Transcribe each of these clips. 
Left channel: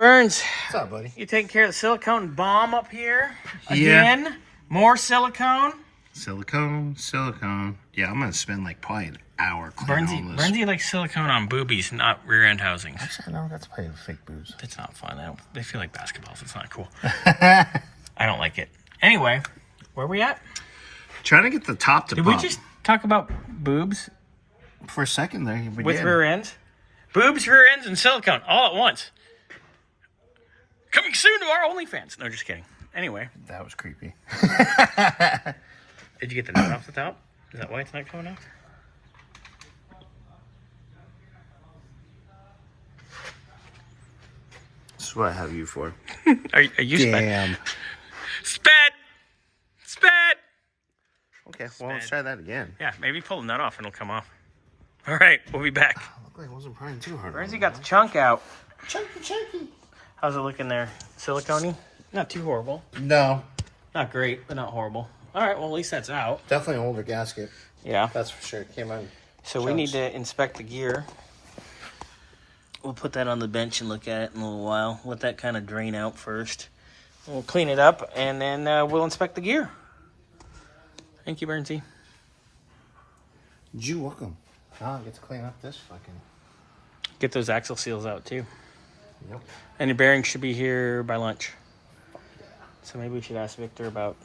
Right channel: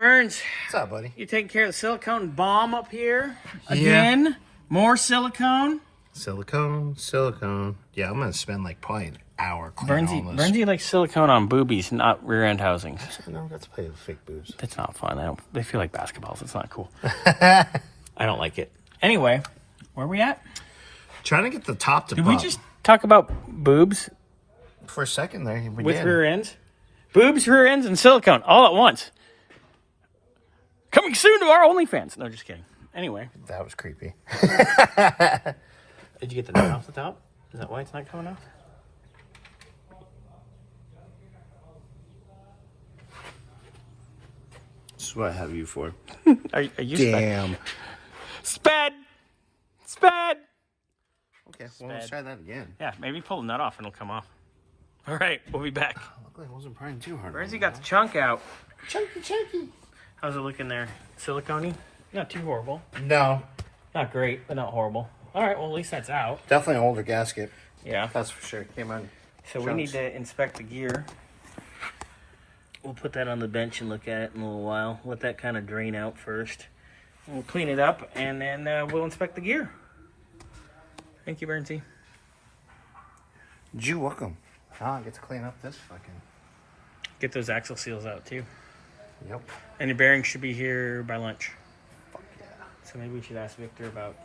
Burns, What's up, buddy? you taking care of the silicone bomb up here? Again? Yeah. More silicone? Silicone. Yeah, I'm gonna spend like probably an hour cleaning all this. Burnsy likes silicone on boobies, not rear end housings. No, that's probably fake boobs. That's not fun. They feel like basketballs. It's not cool. I don't like it. Anyway, where are we at? Trying to get the top to Did we just talk about boobs for a second there? with rear ends? Boobs, rear ends, and silicone all at once. Coming soon to our OnlyFans. No, just kidding. Anyway. That was creepy. Did you get the note off the top? Is that why it's not coming off? This is what I have you for. Are you Damn. Sped? Sped! Okay, well, let's try that again. Yeah, maybe pull the nut off and it'll come off. All right, we'll be back. Looked like I wasn't prying too hard. Where's he got the chunk out? Chunky. How's it looking there? Silicone-y? Not too horrible. No. Not great, but not horrible. All right, well, at least that's out. Definitely an older gasket. Yeah. That's for sure. Came on. So we need to inspect the gear. We'll put that on the bench and look at it in a little while. Let that kind of drain out first. We'll clean it up, and then we'll inspect the gear. Thank you, Bernsey. You're welcome. Now I get to clean up this fucking... Get those axle seals out, too. Yep. And your bearings should be here by lunch. Fuck yeah. So maybe we should ask Victor about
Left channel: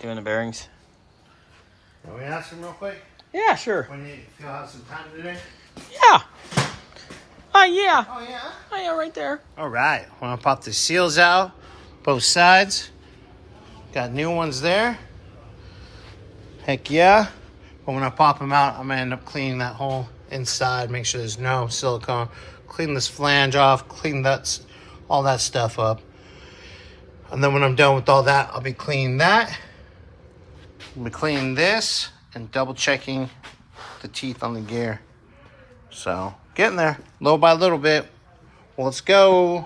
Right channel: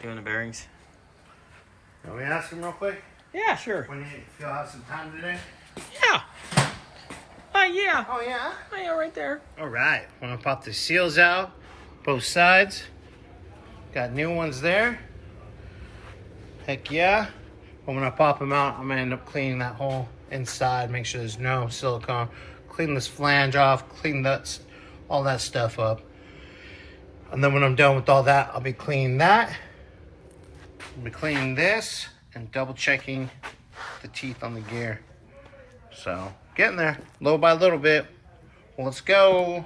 doing the bearings. Can we ask him real quick? Yeah, sure. When you feel have some time today? Yeah. Oh, yeah. Oh, yeah? Oh, yeah, right there. All right. I'm going to pop the seals out, both sides. Got new ones there. Heck yeah. But when I pop them out, I'm going to end up cleaning that whole inside, make sure there's no silicone. Clean this flange off, clean all that stuff up. And then when I'm done with all that, I'll be cleaning that. I'll be cleaning this and double checking the teeth on the gear. So, getting there, little by little bit. Well, let's go.